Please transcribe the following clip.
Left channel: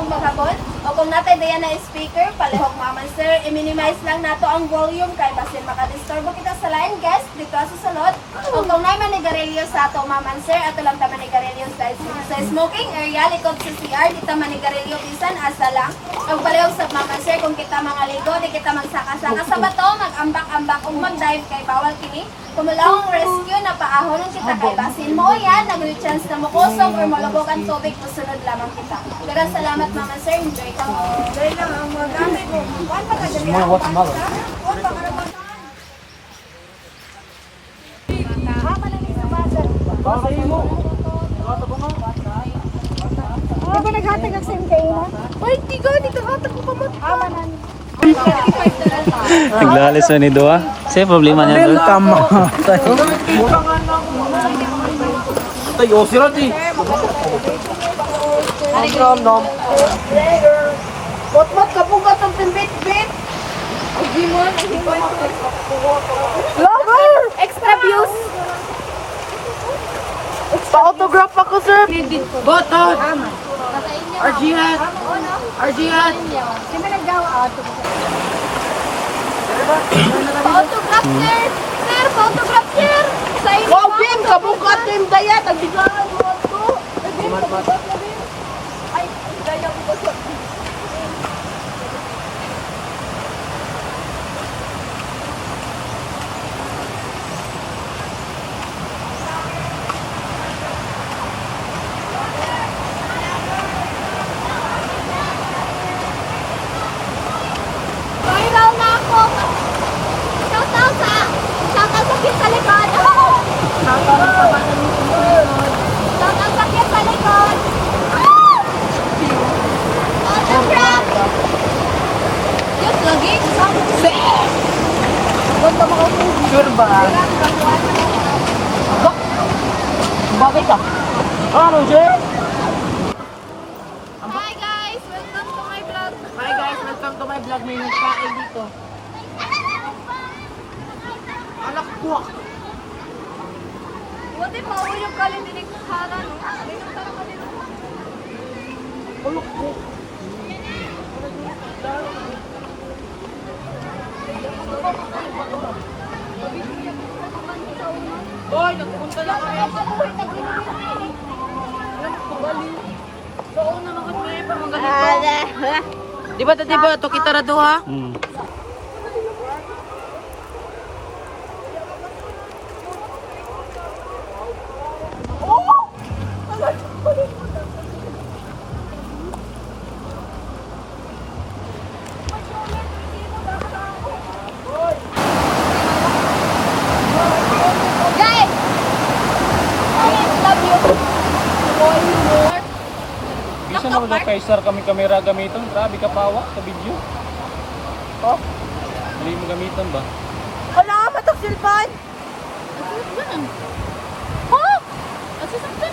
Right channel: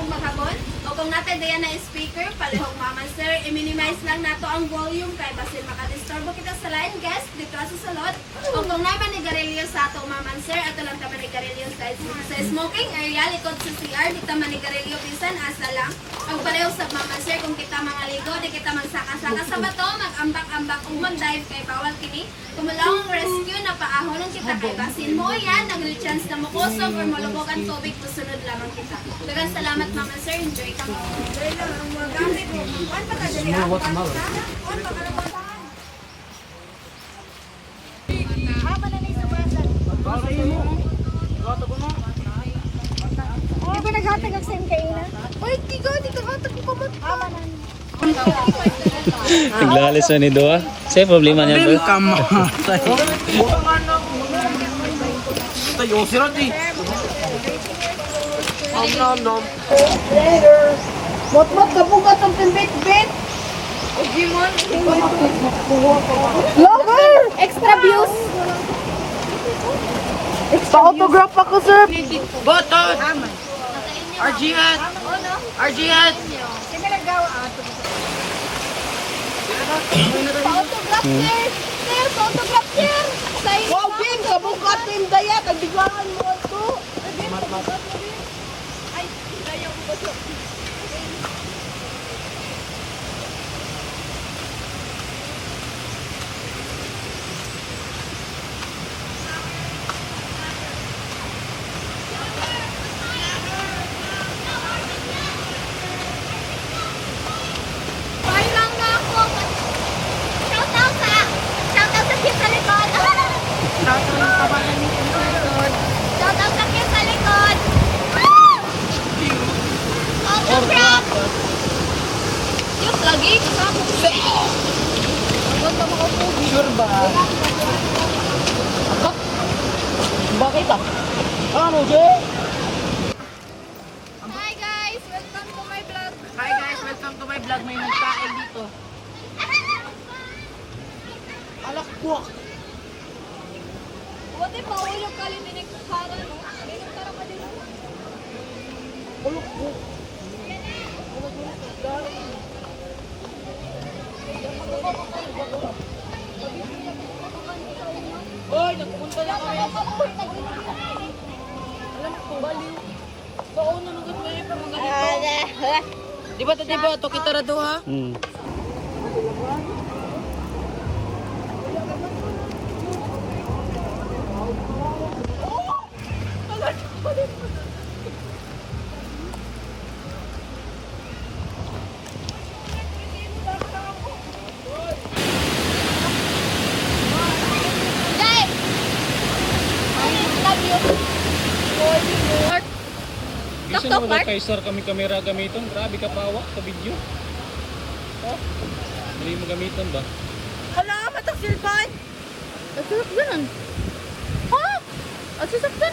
natong maghapon. O kung natay dayan na speaker, palihog maman sir, i-minimize lang nato ang volume kay basin makadisturbo kita sa line guest dito sa salot. O kung nay manigarilyo sa ato maman sir, ato lang ta manigarilyo sa smoking area likod sa CR, dito manigarilyo bisan asa lang. O palihog sa maman sir, kung kita mga ligo, di kita magsaka-saka sa bato, mag-ambak-ambak o mag-dive kay bawal kini. Kung malawang rescue na paahonon kita kay basin mo yan, nag-chance na mukusog or malubog ang tubig, musunod lamang kita. Daghang salamat mama sir, enjoy ka mo. Dahil lang ang mag-anay ko. Kuan pa ka dali. Kuan pa ka naman. Di ba naghatag ang same kaina? Uy, tiga, di ka hatag ko kamat. Naglalis na ni Doa. Sa'yo problema niya doon. Welcome. Tayo sila di. Nom. Mot-mot, kapugat ang pinbit-bit. Ugimon. Lover! Extra views. Pa-autograph ako, sir. Botot. Arjihat. Arjihat. Kami naggawa. Autograph sir. Sir, autograph sir. Sa inyo. Wow, Ben, kapugat team dayat. Ang biglaan mo ako. Ay, Ben, kapugat na, Ben. Ay, daya ko ba sa... Viral na ako. Shoutout sa kit sa likod. Shoutout sa kit sa likod. Autograph. Yes, lagi. Sure ba? Bakit ka? Ano, Jay? Hi guys, welcome to my vlog. Hi guys, welcome to my vlog. May nagkain dito. Anak ko. Buti mo, yung galing dinig ng kanan. Anak ko. Hoy, nagpunta lang kami. Di ba ito kita na doha? Hmm. Bisa na ba kay sir kami kamera gamiton? Grabe ka pawa sa video. Oh. Dali mo gamiton ba? Wala, matok silpan. Ang sarap yan. Ha? Ang sasaktan.